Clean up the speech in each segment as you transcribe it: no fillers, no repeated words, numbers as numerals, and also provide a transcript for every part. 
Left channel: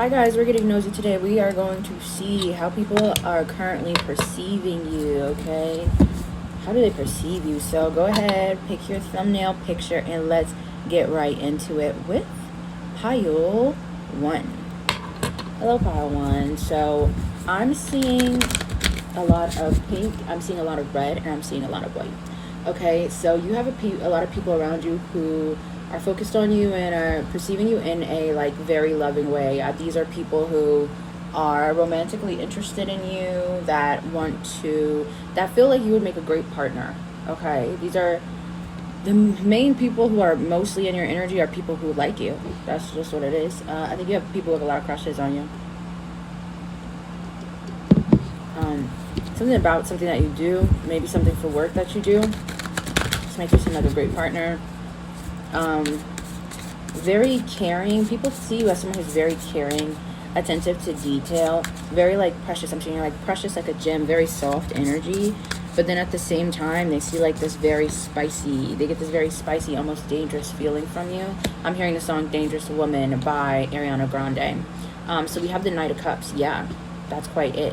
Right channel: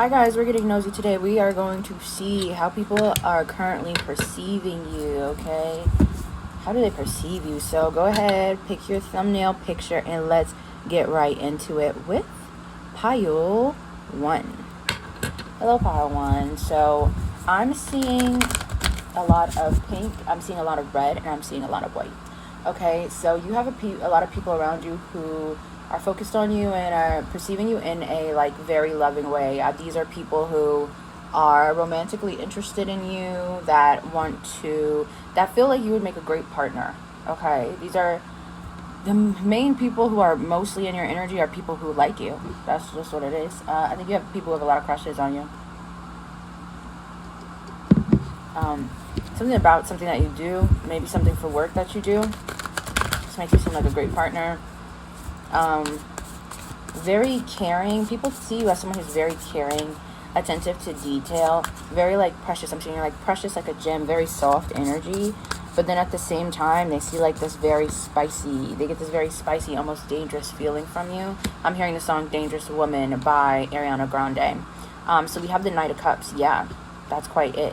Hi guys, we're getting nosy today. We are going to see how people are currently perceiving you, okay? How do they perceive you? So go ahead, pick your thumbnail picture, and let's get right into it with pile 1. Hello, pile 1. So I'm seeing a lot of pink, I'm seeing a lot of red, and I'm seeing a lot of white. Okay, so you have a lot of people around you who are focused on you and are perceiving you in a like very loving way. These are people who are romantically interested in you, that feel like you would make a great partner. Okay, these are the main people who are mostly in your energy are people who like you. That's just what it is. I think you have people with a lot of crushes on you. Something about something that you do, maybe something for work that you do, just makes you seem like a great partner. Very caring. People see you as someone who's very caring, attentive to detail, very like precious. I'm seeing you're like precious, like a gem, very soft energy. But then at the same time, they see like this very spicy, they get this very spicy, almost dangerous feeling from you. I'm hearing the song Dangerous Woman by Ariana Grande. So we have the Knight of Cups. Yeah, that's quite it.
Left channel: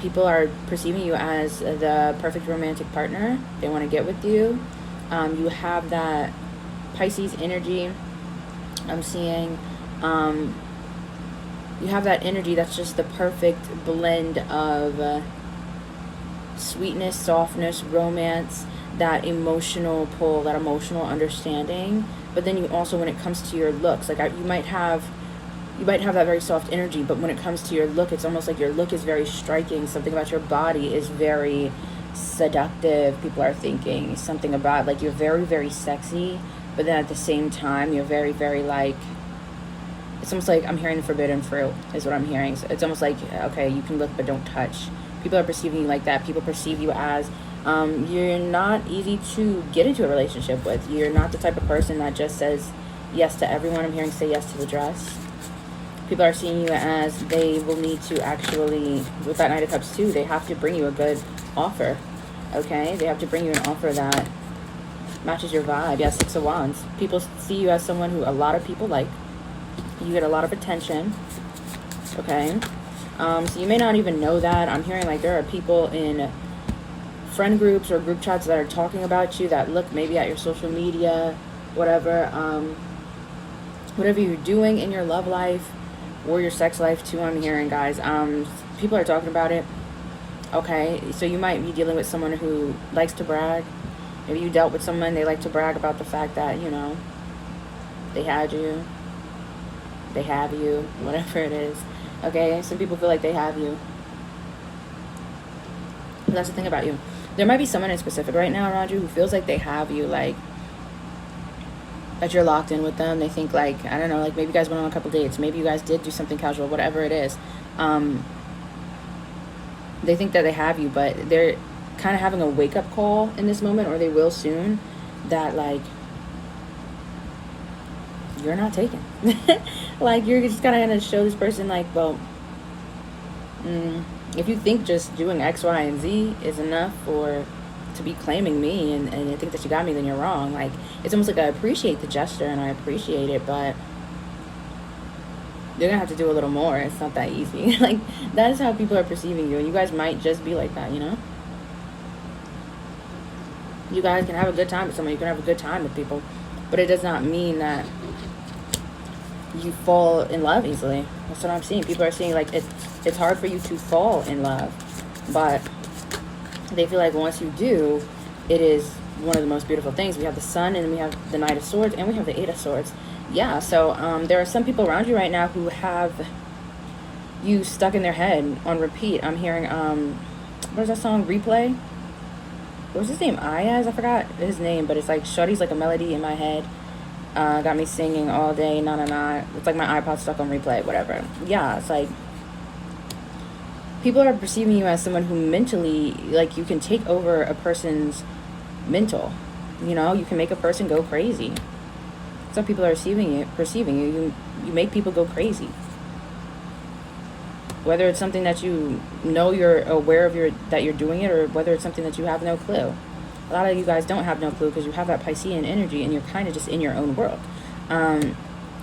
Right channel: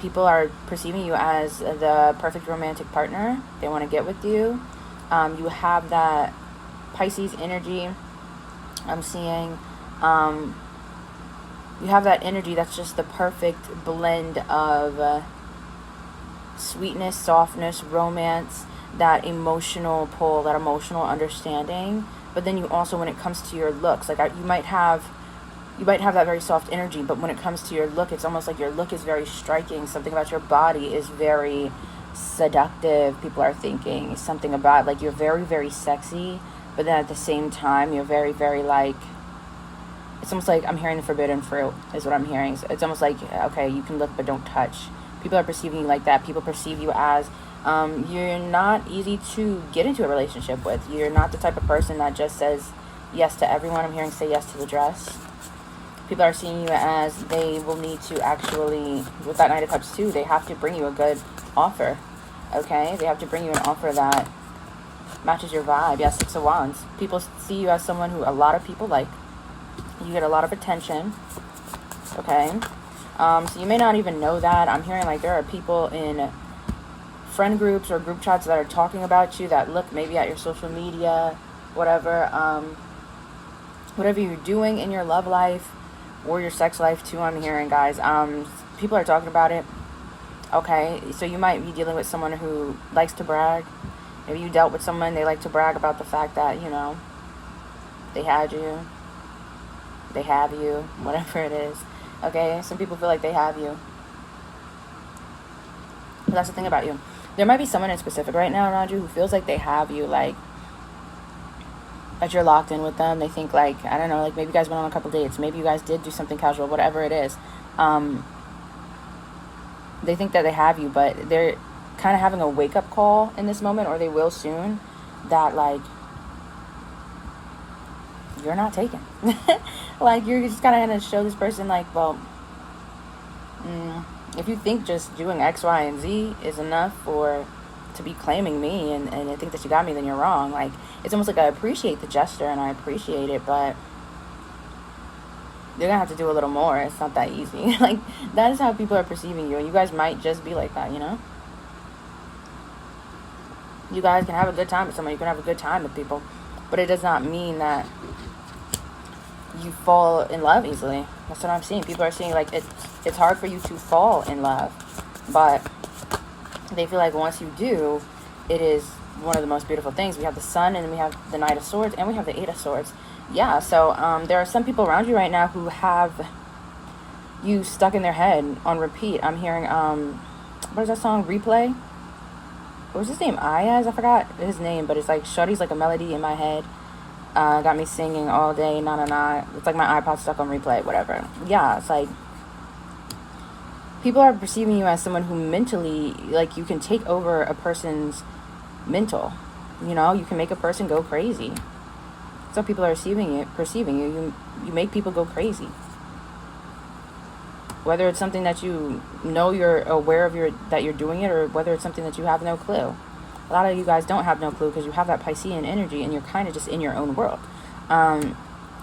People are perceiving you as the perfect romantic partner. They want to get with you. You have that Pisces energy. I'm seeing you have that energy that's just the perfect blend of sweetness, softness, romance, that emotional pull, that emotional understanding. But then you also, when it comes to your looks, like you might have that very soft energy, but when it comes to your look, it's almost like your look is very striking. Something about your body is very seductive. People are thinking something about like you're very, very sexy, but then at the same time you're very, very like, it's almost like I'm hearing the forbidden fruit is what I'm hearing. So it's almost like, okay, you can look but don't touch. People are perceiving you like that. People perceive you as you're not easy to get into a relationship with. You're not the type of person that just says yes to everyone. I'm hearing say yes to the dress. People are seeing you as they will need to actually, with that Knight of Cups too, they have to bring you a good offer. Okay, they have to bring you an offer that matches your vibe. Yes, Six of Wands. People see you as someone who a lot of people like. You get a lot of attention. Okay, so you may not even know that. I'm hearing like there are people in friend groups or group chats that are talking about you, that look maybe at your social media, whatever you're doing in your love life or your sex life too. I'm hearing, guys, people are talking about it. Okay, so you might be dealing with someone who likes to brag. Maybe you dealt with someone, they like to brag about the fact that, you know, they had you, they have you, whatever it is. Okay, some people feel like they have you. And that's the thing about you. There might be someone in specific right now around you who feels like they have you, like that you're locked in with them. They think like, I don't know, like maybe you guys went on a couple dates, maybe you guys did do something casual, whatever it is. They think that they have you, but they're kind of having a wake-up call in this moment, or they will soon, that like you're not taken. Like you're just kind of going to show this person like, well, if you think just doing X, Y, and Z is enough to be claiming me and I think that you got me, then you're wrong. Like it's almost like I appreciate the gesture and I appreciate it, but you're gonna have to do a little more. It's not that easy. Like that is how people are perceiving you, and you guys might just be like that, you know. You guys can have a good time with somebody, you can have a good time with people, but it does not mean that you fall in love easily. That's what I'm seeing. People are seeing like it's hard for you to fall in love, but they feel like once you do, it is one of the most beautiful things. We have the Sun, and we have the Knight of Swords, and we have the Eight of Swords. Yeah, so there are some people around you right now who have you stuck in their head on repeat. I'm hearing what is that song, Replay? What was his name? Ayaz? I forgot his name, but it's like Shorty's like a melody in my head. Got me singing all day, na na na. It's like my iPod stuck on replay, whatever. Yeah, it's like people are perceiving you as someone who mentally, like you can take over a person's mental. You know, you can make a person go crazy. So people are perceiving you. You make people go crazy. Whether it's something that you know you're aware of that you're doing it, or whether it's something that you have no clue. A lot of you guys don't have no clue because you have that Piscean energy and you're kind of just in your own world.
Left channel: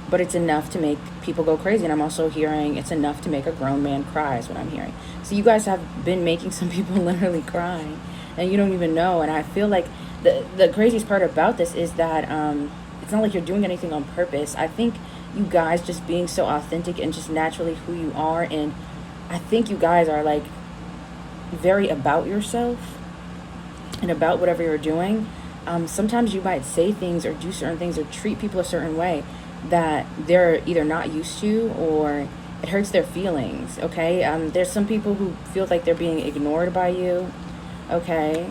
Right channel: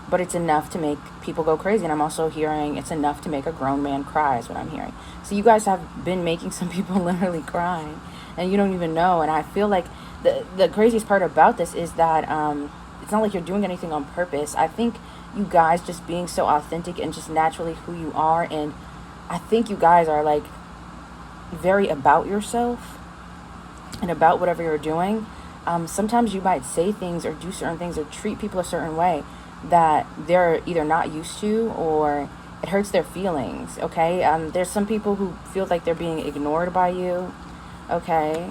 but it's enough to make people go crazy. And I'm also hearing it's enough to make a grown man cry is what I'm hearing. So you guys have been making some people literally cry, and you don't even know. And I feel like the craziest part about this is that it's not like you're doing anything on purpose. I think you guys just being so authentic and just naturally who you are, and I think you guys are like very about yourself and about whatever you're doing. Sometimes you might say things or do certain things or treat people a certain way that they're either not used to or it hurts their feelings, okay? There's some people who feel like they're being ignored by you, okay?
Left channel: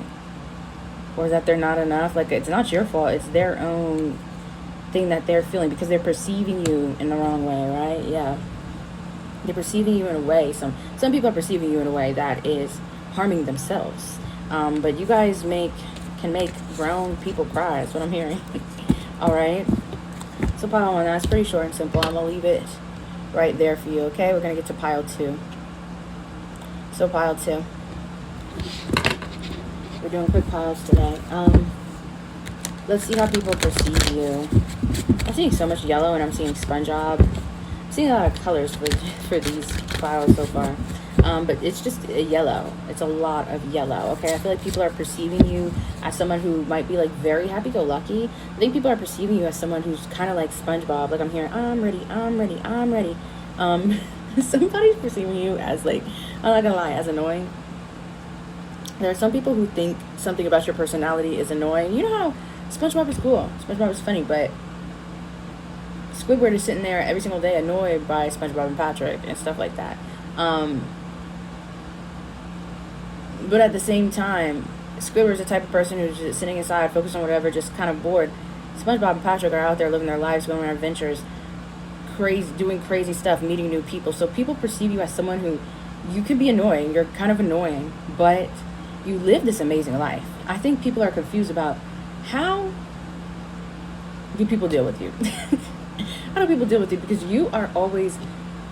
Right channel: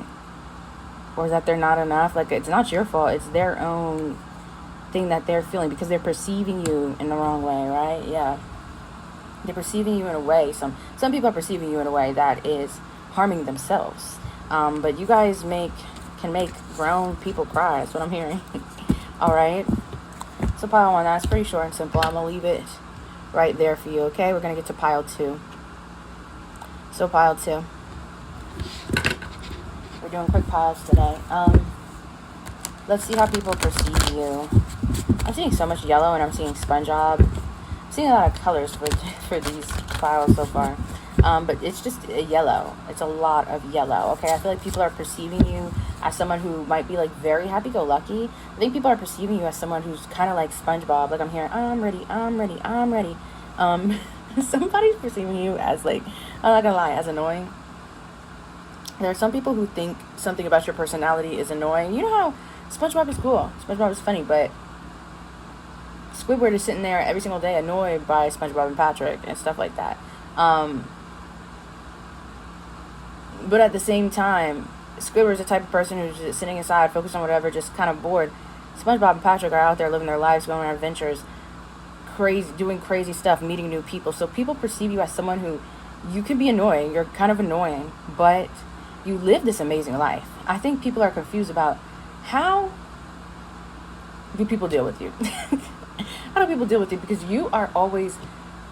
Or that they're not enough. Like, it's not your fault. It's their own thing that they're feeling because they're perceiving you in the wrong way, right? Yeah. They're perceiving you in a way. Some people are perceiving you in a way that is harming themselves. But you guys can make grown people cry. That's what I'm hearing. All right. So pile 1, that's pretty short and simple. I'm gonna leave it right there for you. Okay. We're gonna get to pile 2. So pile 2. We're doing quick piles today. Let's see how people perceive you. I'm seeing so much yellow, and I'm seeing SpongeBob. I'm seeing a lot of colors for these piles so far. But it's just a yellow. It's a lot of yellow. Okay, I feel like people are perceiving you as someone who might be like very happy-go-lucky. I think people are perceiving you as someone who's kind of like SpongeBob. Like, I'm hearing, I'm ready, I'm ready, I'm ready. Somebody's perceiving you as like, I'm not gonna lie, as annoying. There are some people who think something about your personality is annoying. You know how SpongeBob is cool. SpongeBob is funny, but Squidward is sitting there every single day annoyed by SpongeBob and Patrick and stuff like that. But at the same time, Squidward's the type of person who's just sitting inside, focused on whatever, just kind of bored. SpongeBob and Patrick are out there living their lives, going on adventures, crazy, doing crazy stuff, meeting new people. So people perceive you as someone who, you can be annoying, you're kind of annoying, but you live this amazing life. I think people are confused about how do people deal with you? How do people deal with you? Because you are always,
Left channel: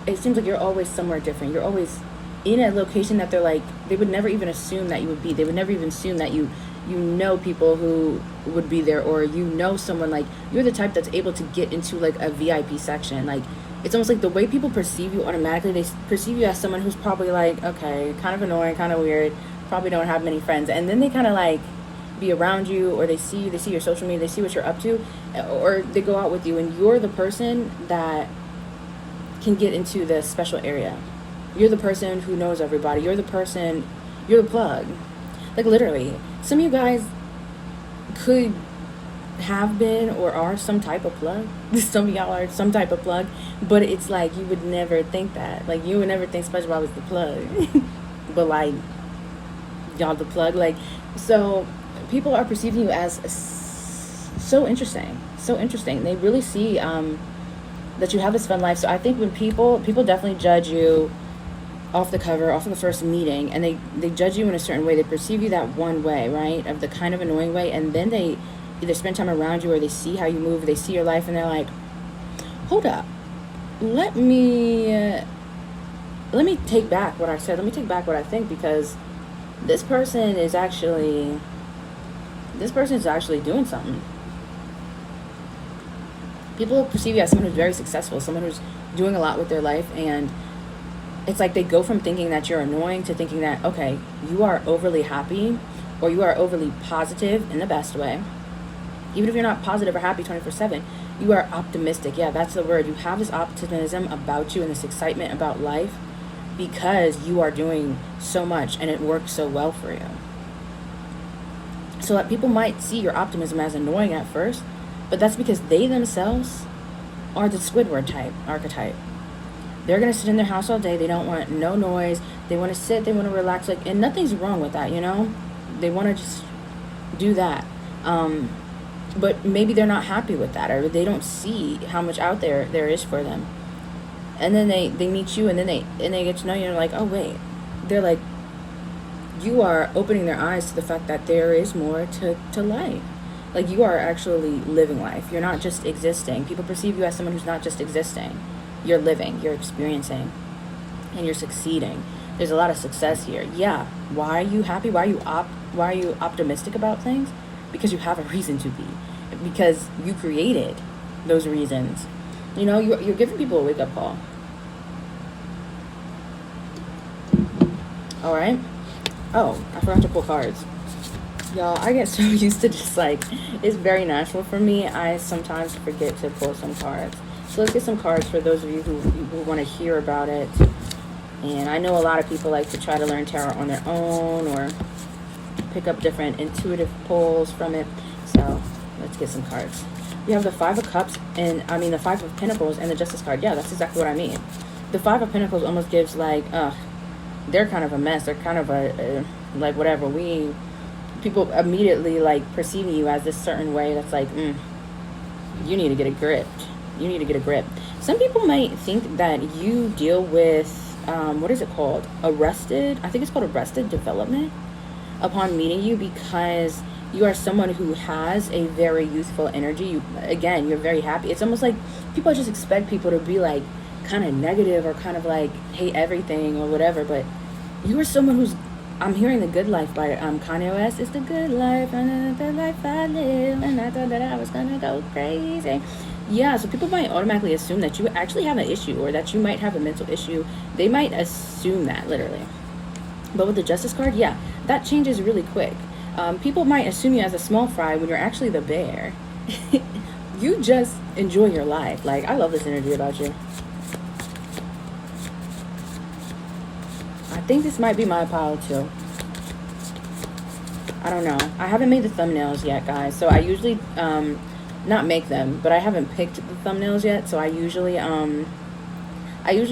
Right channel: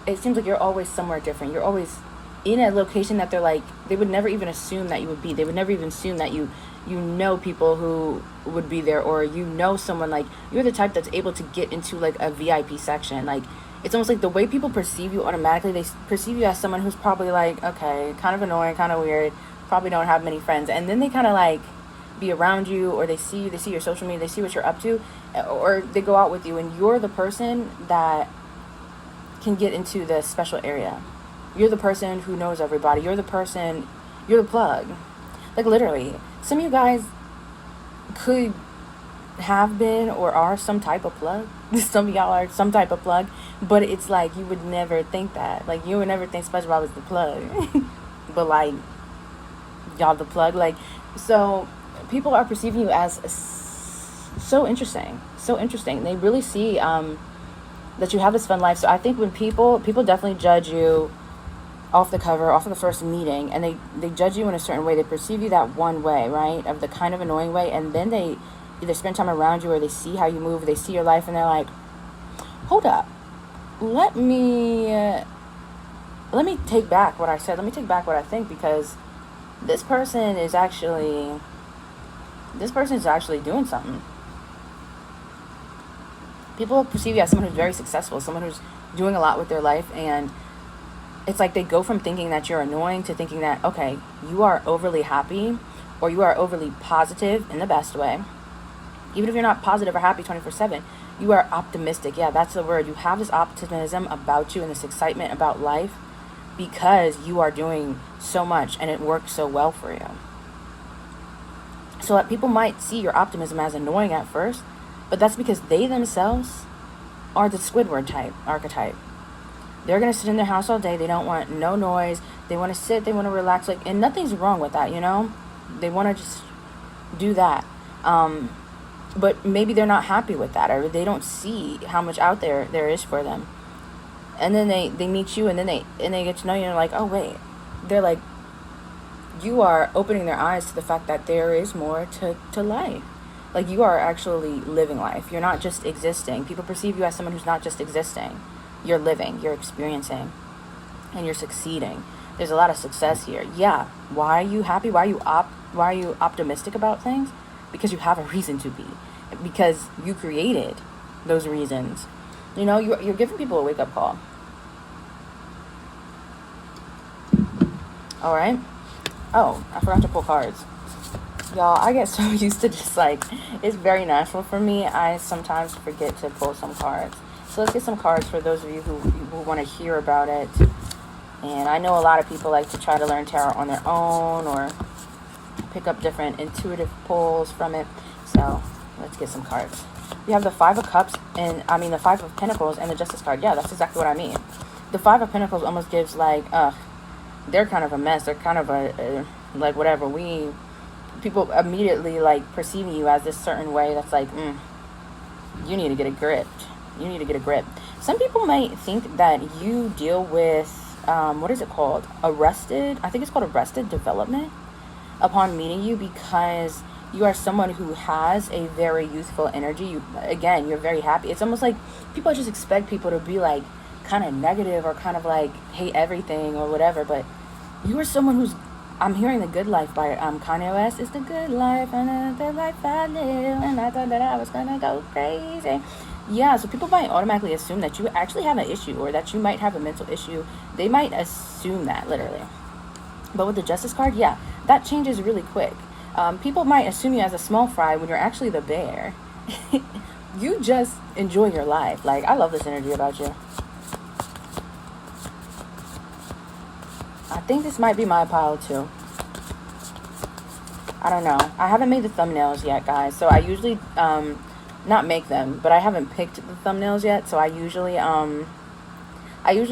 it seems like you're always somewhere different. You're always in a location that they're like, they would never even assume that you would be. They would never even assume that you know people who would be there, or you know someone, like, you're the type that's able to get into like a VIP section. Like, it's almost like the way people perceive you automatically, they perceive you as someone who's probably like, okay, kind of annoying, kind of weird, probably don't have many friends. And then they kind of like be around you, or they see you, they see your social media, they see what you're up to, or they go out with you, and you're the person that can get into the special area. You're the person who knows everybody. You're the person, you're the plug. Like, literally, some of you guys could have been or are some type of plug. Some of y'all are some type of plug, but it's like you would never think that. Like, you would never think SpongeBob is the plug. But like, y'all the plug. Like, so people are perceiving you as so interesting. So interesting. They really see that you have this fun life. So I think when people definitely judge you off the cover, off of the first meeting, and they judge you in a certain way. They perceive you that one way, right? Of the kind of annoying way, and then they either spend time around you, or they see how you move, they see your life, and they're like, hold up, let me take back what I said. Let me take back what I think, because this person is actually doing something. People perceive you as someone who's very successful, someone who's doing a lot with their life, and it's like they go from thinking that you're annoying to thinking that, okay, you are overly happy, or you are overly positive in the best way. Even if you're not positive or happy 24/7, you are optimistic. Yeah, that's the word. You have this optimism about you and this excitement about life because you are doing so much and it works so well for you. So people might see your optimism as annoying at first, but that's because they themselves are the Squidward type, archetype. They're going to sit in their house all day. They don't want no noise. They want to sit. They want to relax. Like, and nothing's wrong with that, you know? They want to just do that. But maybe they're not happy with that, or they don't see how much out there is for them. And then they meet you, and then they get to know you, and they're like, oh, wait. They're like, you are opening their eyes to the fact that there is more to life. Like, you are actually living life. You're not just existing. People perceive you as someone who's not just existing. You're living, you're experiencing, and you're succeeding. There's a lot of success here. Yeah. Why are you happy? Why are you optimistic about things? Because you have a reason to be. Because you created those reasons. You know, you're giving people a wake-up call. All right. Oh, I forgot to pull cards. Y'all, I get so used to just like, it's very natural for me. I sometimes forget to pull some cards. So let's get some cards for those of you who want to hear about it. And I know a lot of people like to try to learn tarot on their own or pick up different intuitive pulls from it. So let's get some cards. We have the Five of Cups and the Five of Pentacles and the Justice card. Yeah, that's exactly what I mean. The Five of Pentacles almost gives like, they're kind of a mess. They're kind of like whatever. People immediately like perceiving you as this certain way that's like, you need to get a grip. You need to get a grip. Some people might think that you deal with, what is it called? I think it's called arrested development upon meeting you, because you are someone who has a very youthful energy. You're very happy. It's almost like people just expect people to be like kind of negative or kind of like hate everything or whatever, but you are someone who's, I'm hearing The Good Life by Kanye West. It's the good life and the life I live, and I thought that I was gonna go crazy. Yeah, so people might automatically assume that you actually have an issue or that you might have a mental issue. They might assume that, literally. But with the Justice card, yeah, that changes really quick. People might assume you as a small fry when you're actually the bear. You just enjoy your life. Like, I love this energy about you. I think this might be my pile too. I don't know. I haven't made the thumbnails yet, guys. So I usually, not make them, but I haven't picked the thumbnails yet. So I usually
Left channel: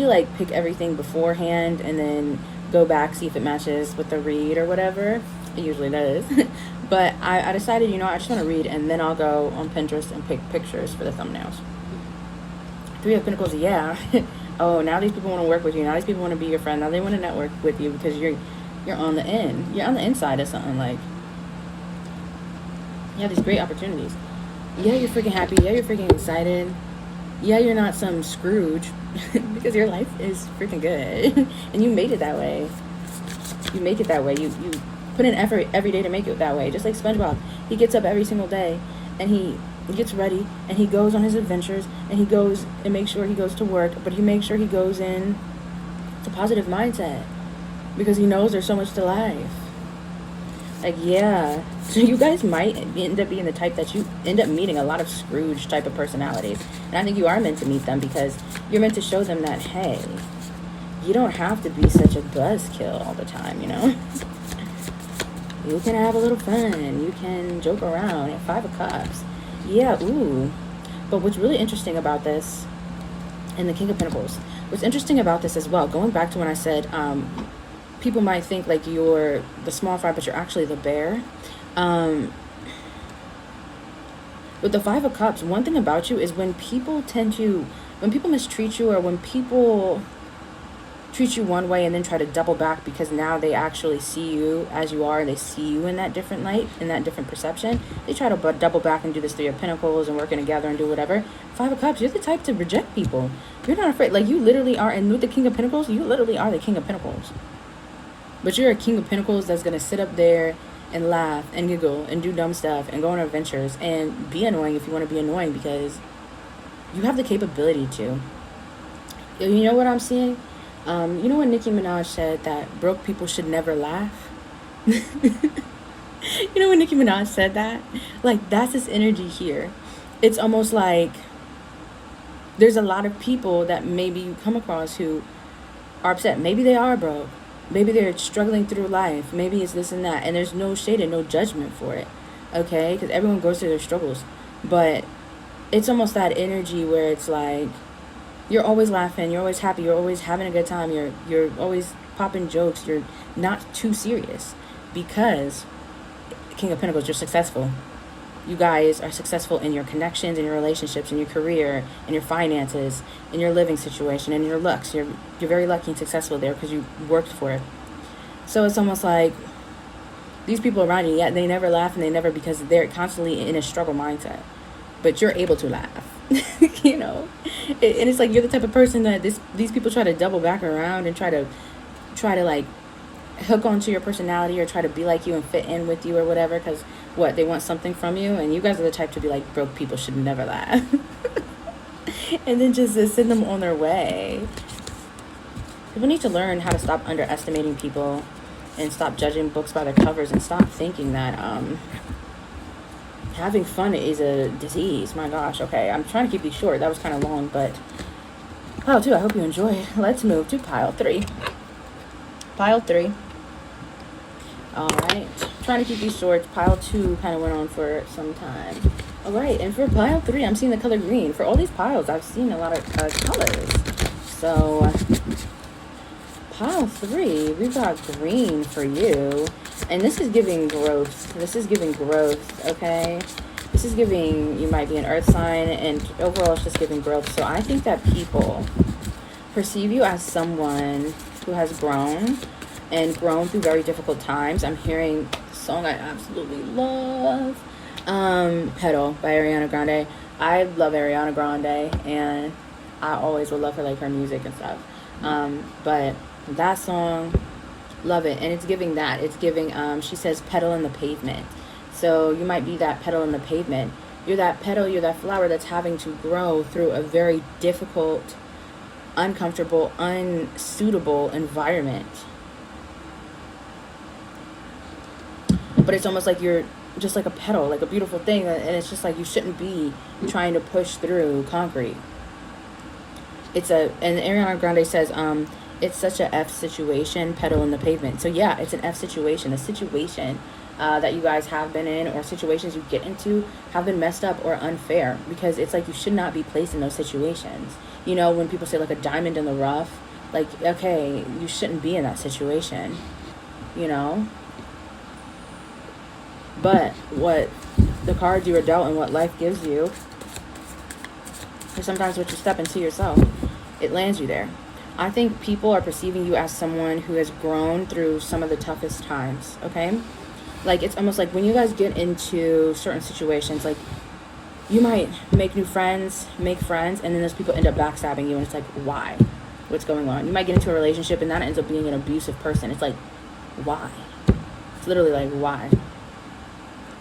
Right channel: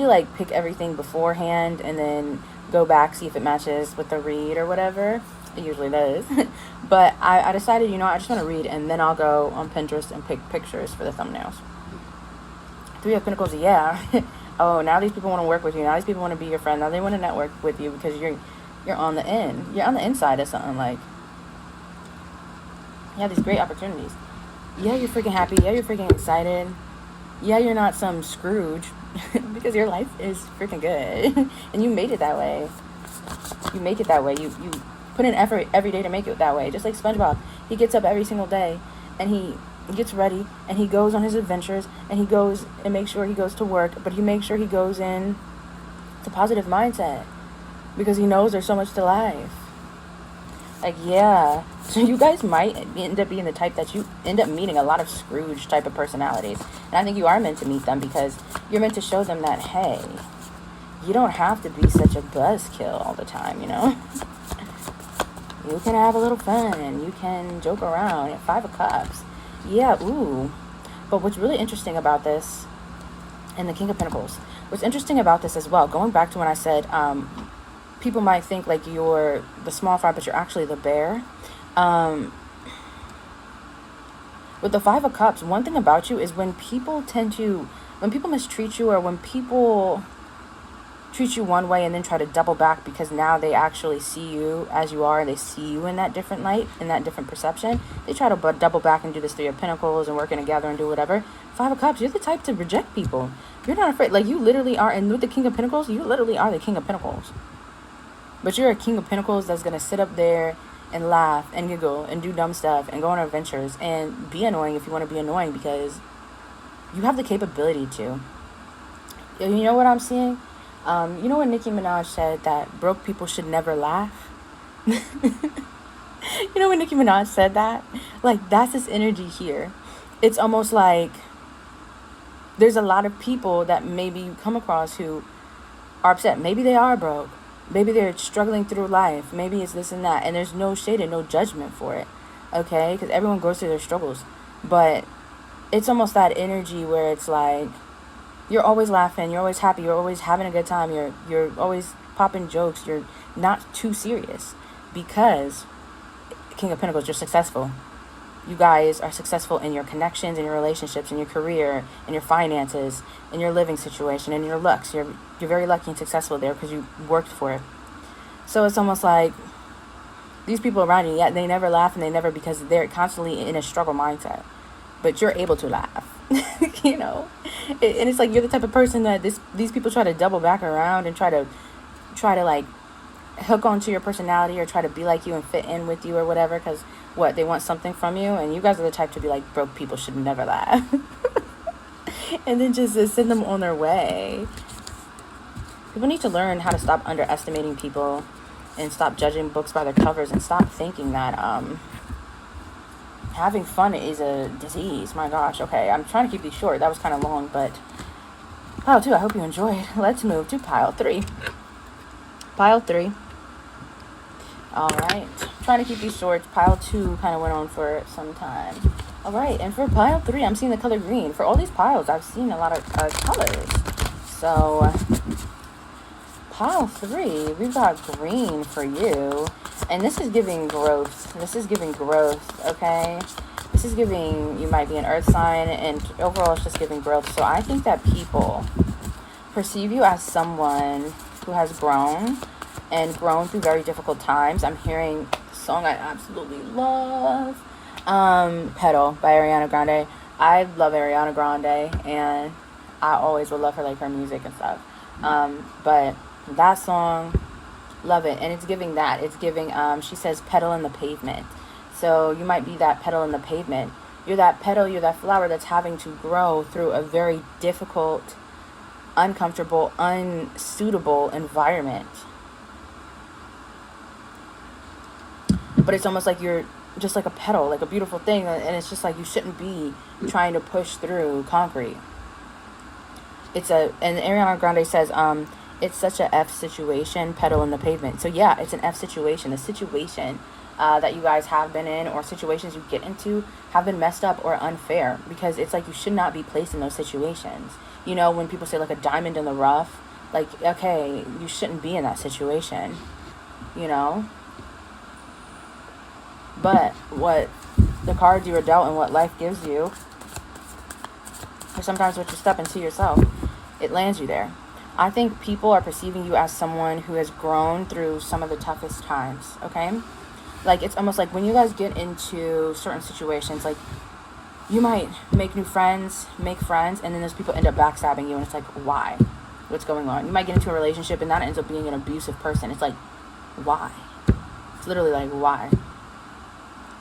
like pick everything beforehand and then go back, see if it matches with the read or whatever. It usually does. But I decided, I just want to read, and then I'll go on Pinterest and pick pictures for the thumbnails. Three of Pentacles, yeah. Oh, now these people want to work with you. Now these people want to be your friend. Now they want to network with you because you're on the end. You're on the inside of something. Like, you have these great opportunities. Yeah, you're freaking happy. Yeah, you're freaking excited. Yeah, you're not some Scrooge because your life is freaking good. And you made it that way. You make it that way. You put in effort every day to make it that way. Just like SpongeBob. He gets up every single day and he gets ready and he goes on his adventures and he goes and makes sure he goes to work, but he makes sure he goes in to positive mindset because he knows there's so much to life. Like, yeah. So you guys might end up being the type that you end up meeting a lot of Scrooge type of personalities. And I think you are meant to meet them because you're meant to show them that, hey, you don't have to be such a buzzkill all the time, You can have a little fun. You can joke around. At Five of Cups. Yeah, ooh. But what's really interesting about this, and the King of Pentacles, what's interesting about this as well, going back to when I said people might think like you're the small fry, but you're actually the bear. With the Five of Cups, one thing about you is when people mistreat you, or when people treat you one way and then try to double back because now they actually see you as you are, and they see you in that different light, in that different perception, they try to double back and do this Three of Pentacles and working together and do whatever. Five of Cups, you're the type to reject people. You're not afraid. Like, you literally are, and with the King of Pentacles, you literally are the King of Pentacles. But you're a King of Pentacles that's going to sit up there and laugh and giggle and do dumb stuff and go on adventures and be annoying if you want to be annoying, because you have the capability to. You know what I'm seeing? You know when Nicki Minaj said that broke people should never laugh? You know when Nicki Minaj said that? Like, that's this energy here. It's almost like there's a lot of people that maybe you come across who are upset. Maybe they are broke. Maybe they're struggling through life. Maybe it's this and that. And there's no shade and no judgment for it. Okay? Because everyone goes through their struggles. But it's almost that energy where it's like, you're always laughing, you're always happy, you're always having a good time, you're always popping jokes, you're not too serious, because King of Pentacles, you're successful. You guys are successful in your connections, in your relationships, in your career, in your finances, in your living situation, in your looks. You're very lucky and successful there because you worked for it. So it's almost like these people around you, yeah, they never laugh, and they never, because they're constantly in a struggle mindset. But you're able to laugh, And it's like you're the type of person that these people try to double back around and try to like hook onto your personality or try to be like you and fit in with you or whatever, because they want something from you, and you guys are the type to be like, broke people should never laugh. and then just send them on their way. People need to learn how to stop underestimating people and stop judging books by their covers and stop thinking that having fun is a disease. My gosh. Okay, I'm trying to keep these short. That was kind of long, but pile 2, I hope you enjoyed. Let's move to pile 3. Pile 3. All right. Trying to keep these short. Pile 2 kind of went on for some time. All right, and for pile 3, I'm seeing the color green. For all these piles, I've seen a lot of colors. So pile 3, we've got green for you. And this is giving growth. This is giving growth, okay? This is giving, you might be an earth sign, and overall it's just giving growth. So I think that people perceive you as someone who has grown and grown through very difficult times. I'm hearing a song I absolutely love, Petal by Ariana Grande. I love Ariana Grande, and I always will love her, like her music and stuff. But that song, love it. And it's giving that. It's giving, she says, petal in the pavement. So you might be that petal in the pavement. You're that petal, you're that flower that's having to grow through a very difficult, uncomfortable, unsuitable environment. But it's almost like you're just like a petal, like a beautiful thing, and it's just like you shouldn't be trying to push through concrete. And Ariana Grande says, it's such a F situation, petal in the pavement. So yeah, it's an F situation. The situation that you guys have been in, or situations you get into, have been messed up or unfair, because it's like you should not be placed in those situations. You know, when people say like a diamond in the rough, like, okay, you shouldn't be in that situation, you know? But what the cards you were dealt and what life gives you, sometimes what you step into yourself, it lands you there. I think people are perceiving you as someone who has grown through some of the toughest times, okay? Like, it's almost like when you guys get into certain situations, like, you might make new friends, make friends, and then those people end up backstabbing you, and it's like, why? What's going on? You might get into a relationship, and that ends up being an abusive person. It's like, why? It's literally like, why?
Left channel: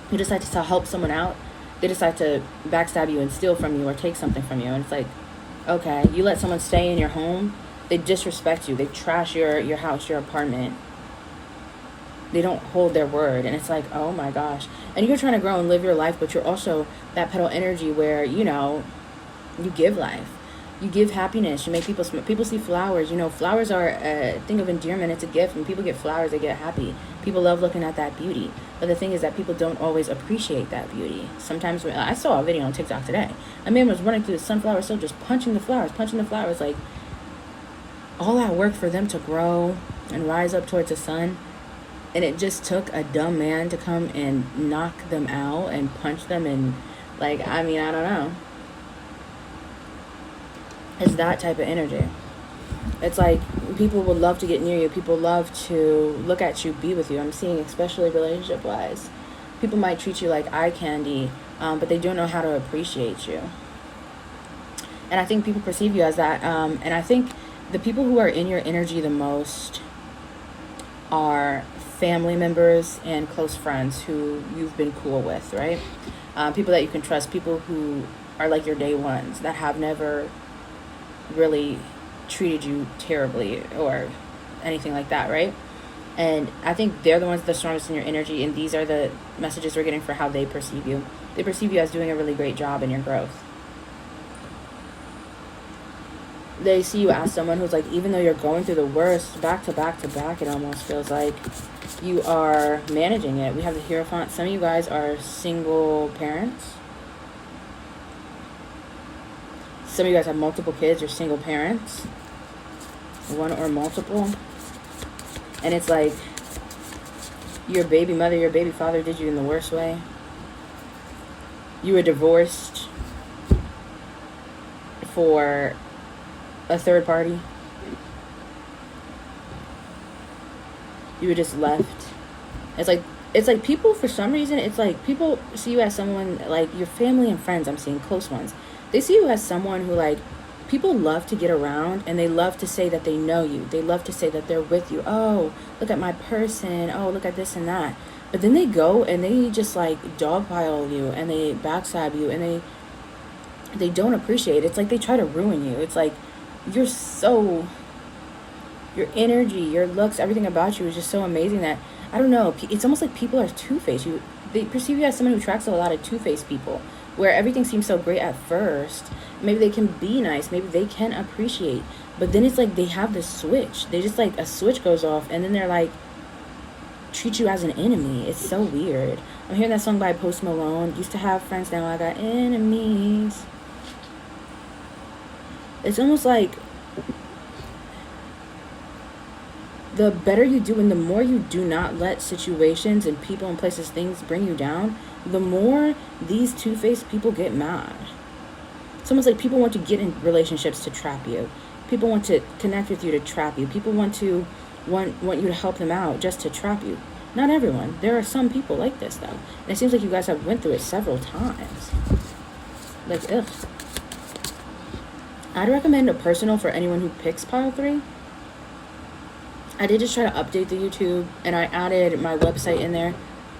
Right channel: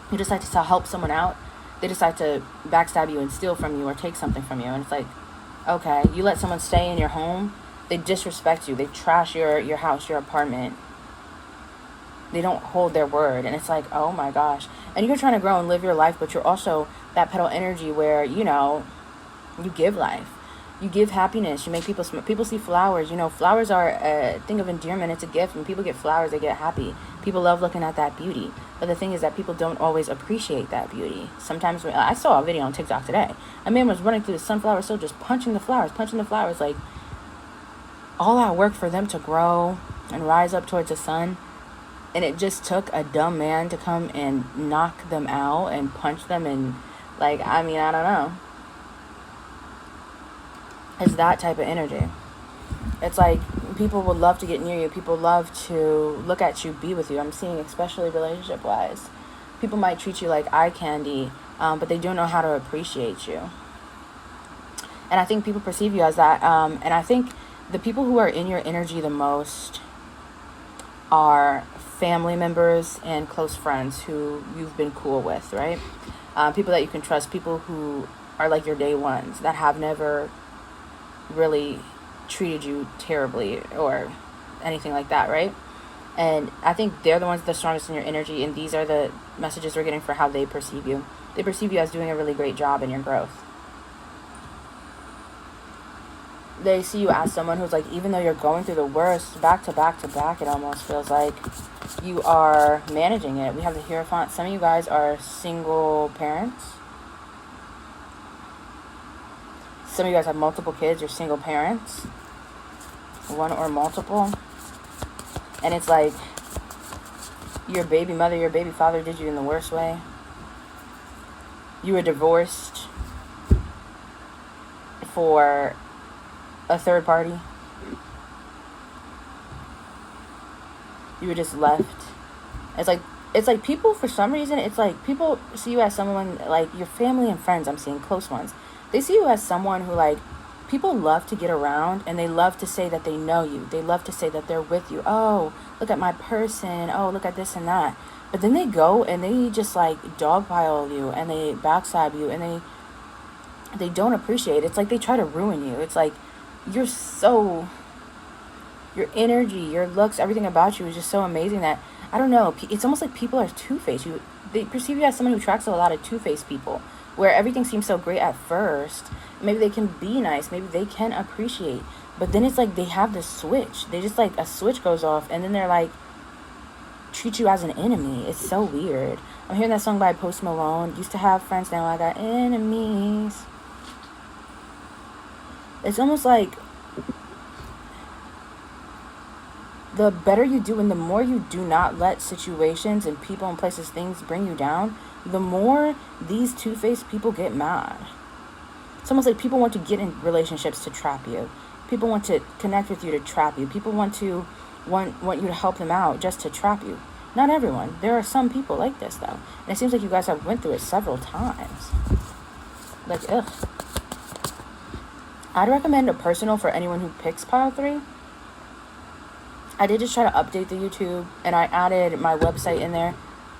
You decide to help someone out, they decide to backstab you and steal from you or take something from you, and it's like, okay, you let someone stay in your home, they disrespect you, they trash your house, your apartment, they don't hold their word, and it's like, oh my gosh. And you're trying to grow and live your life, but you're also that petal energy where, you know, you give life, you give happiness, you make people see flowers. You know, flowers are a thing of endearment. It's a gift. When people get flowers, they get happy. People love looking at that beauty. But the thing is that people don't always appreciate that beauty. Sometimes, I saw a video on TikTok today. A man was running through the sunflower field, just punching the flowers, like all that work for them to grow and rise up towards the sun. And it just took a dumb man to come and knock them out and punch them, and like, I mean, I don't know. It's that type of energy. It's like people would love to get near you. People love to look at you, be with you. I'm seeing, especially relationship-wise, people might treat you like eye candy, but they don't know how to appreciate you. And I think people perceive you as that. And I think the people who are in your energy the most are family members and close friends who you've been cool with, right? People that you can trust, people who are like your day ones, that have never really treated you terribly or anything like that, right? And I think they're the ones that are strongest in your energy, and these are the messages we're getting for how they perceive you. They perceive you as doing a really great job in your growth. They see you as someone who's like, even though you're going through the worst, back to back to back, it almost feels like you are managing it. We have the Hierophant. Some of you guys are single parents. Some of you guys have multiple kids. You're single parents, one or multiple. And it's like your baby mother, your baby father did you in the worst way. You were divorced for a third party. You were just left. It's like people, for some reason, it's like people see you as someone, like your family and friends, I'm seeing close ones. They see you as someone who, like, people love to get around, and they love to say that they know you. They love to say that they're with you. Oh, look at my person. Oh, look at this and that. But then they go and they just, like, dogpile you, and they backstab you, and they don't appreciate. It's like they try to ruin you. It's like you're so, your energy, your looks, everything about you is just so amazing that, I don't know, it's almost like people are two-faced. They perceive you as someone who attracts a lot of two-faced people, where everything seems so great at first. Maybe they can be nice, maybe they can appreciate, but then it's like they have this switch. They just, like, a switch goes off, and then they're like, treat you as an enemy. It's so weird. I'm hearing that song by Post Malone. Used to have friends, now I got enemies. It's almost like the better you do and the more you do not let situations and people and places, things bring you down, the more these two-faced people get mad. It's almost like people want to get in relationships to trap you. People want to connect with you to trap you. People want you to help them out just to trap you. Not everyone. There are some people like this, though. And it seems like you guys have went through it several times. Like, ugh. I'd recommend a personal for anyone who picks pile 3. I did just try to update the YouTube, and I added my website in there.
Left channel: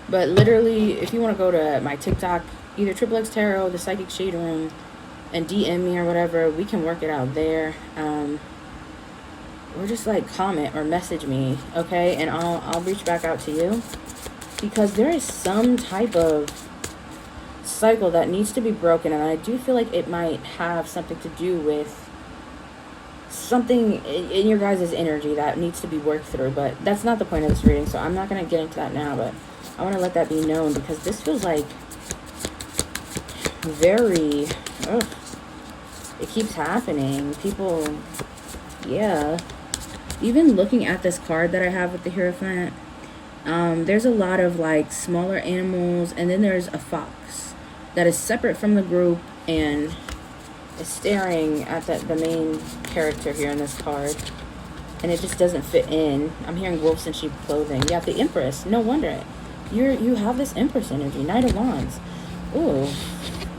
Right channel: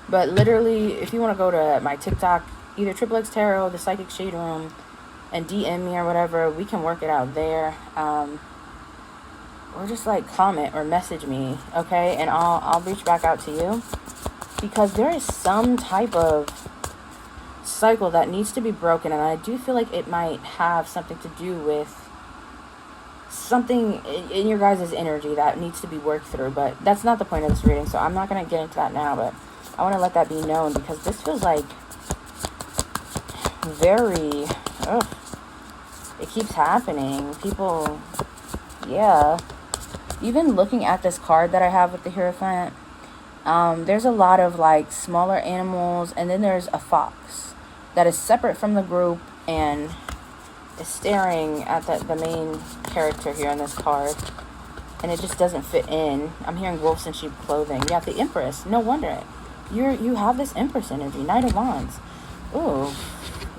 But literally, if you want to go to my TikTok, either XXX Tarot, the Psychic Shade Room, and DM me or whatever, we can work it out there. Or just, like, comment or message me, okay? And I'll reach back out to you. Because there is some type of cycle that needs to be broken, and I do feel like it might have something to do with something in your guys' energy that needs to be worked through, but that's not the point of this reading, so I'm not going to get into that now, but I want to let that be known, because this feels like very, it keeps happening. People, yeah. Even looking at this card that I have with the Hierophant, there's a lot of, like, smaller animals, and then there's a fox that is separate from the group and is staring at the main character here in this card, and it just doesn't fit in. I'm hearing wolves in sheep clothing. You have the Empress. No wonder you have this Empress energy. Knight of Wands. Ooh,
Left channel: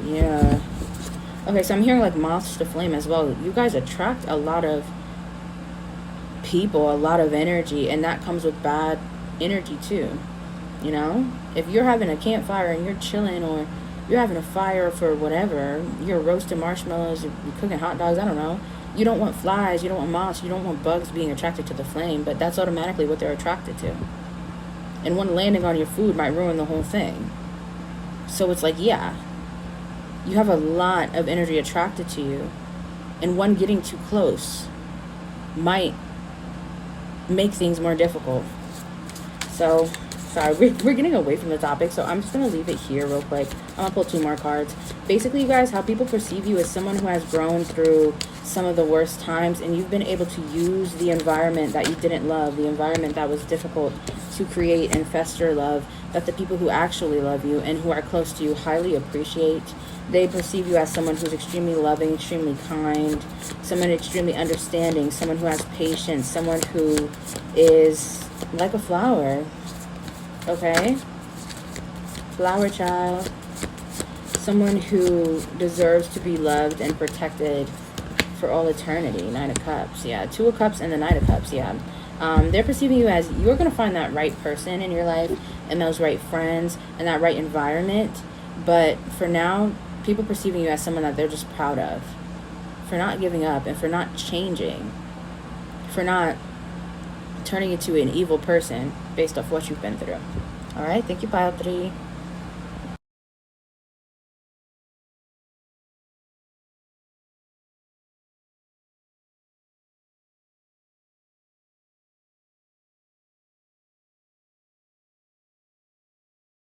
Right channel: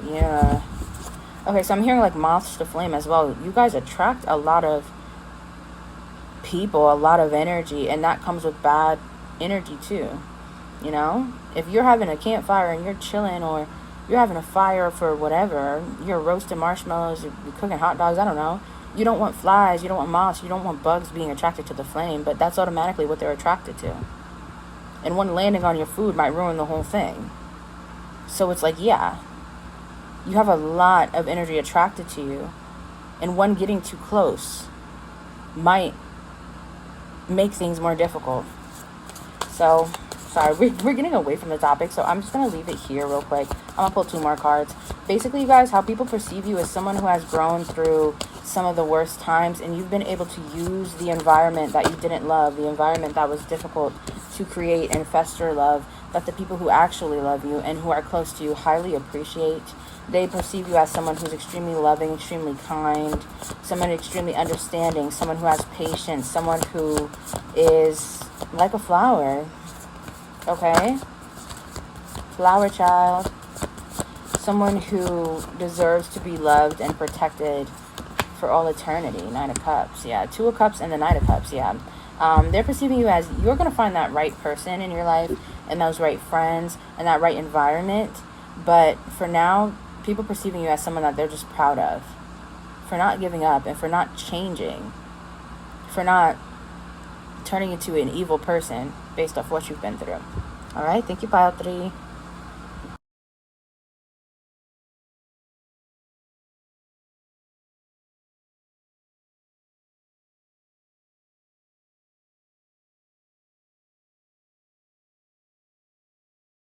yeah. Okay, so I'm hearing, like, moths to flame as well. You guys attract a lot of people, a lot of energy, and that comes with bad energy too. You know, if you're having a campfire and you're chilling, or you're having a fire for whatever, you're roasting marshmallows, you're cooking hot dogs, I don't know. You don't want flies, you don't want moths, you don't want bugs being attracted to the flame, but that's automatically what they're attracted to. And one landing on your food might ruin the whole thing. So it's like, yeah, you have a lot of energy attracted to you, and one getting too close might make things more difficult. So, sorry, we're getting away from the topic, so I'm just going to leave it here real quick. I'm going to pull 2 more cards. Basically, you guys, how people perceive you as someone who has grown through some of the worst times, and you've been able to use the environment that you didn't love, the environment that was difficult, to create and fester love that the people who actually love you and who are close to you highly appreciate. They perceive you as someone who's extremely loving, extremely kind, someone extremely understanding, someone who has patience, someone who is like a flower, okay? Flower child. Someone who deserves to be loved and protected for all eternity. 9 of Cups, yeah. 2 of Cups and the Knight of Cups, yeah. They're perceiving you as you're going to find that right person in your life and those right friends and that right environment. But for now, people perceiving you as someone that they're just proud of, for not giving up and for not changing, for not turning into an evil person based off what you've been through. All right, thank you, pile 3.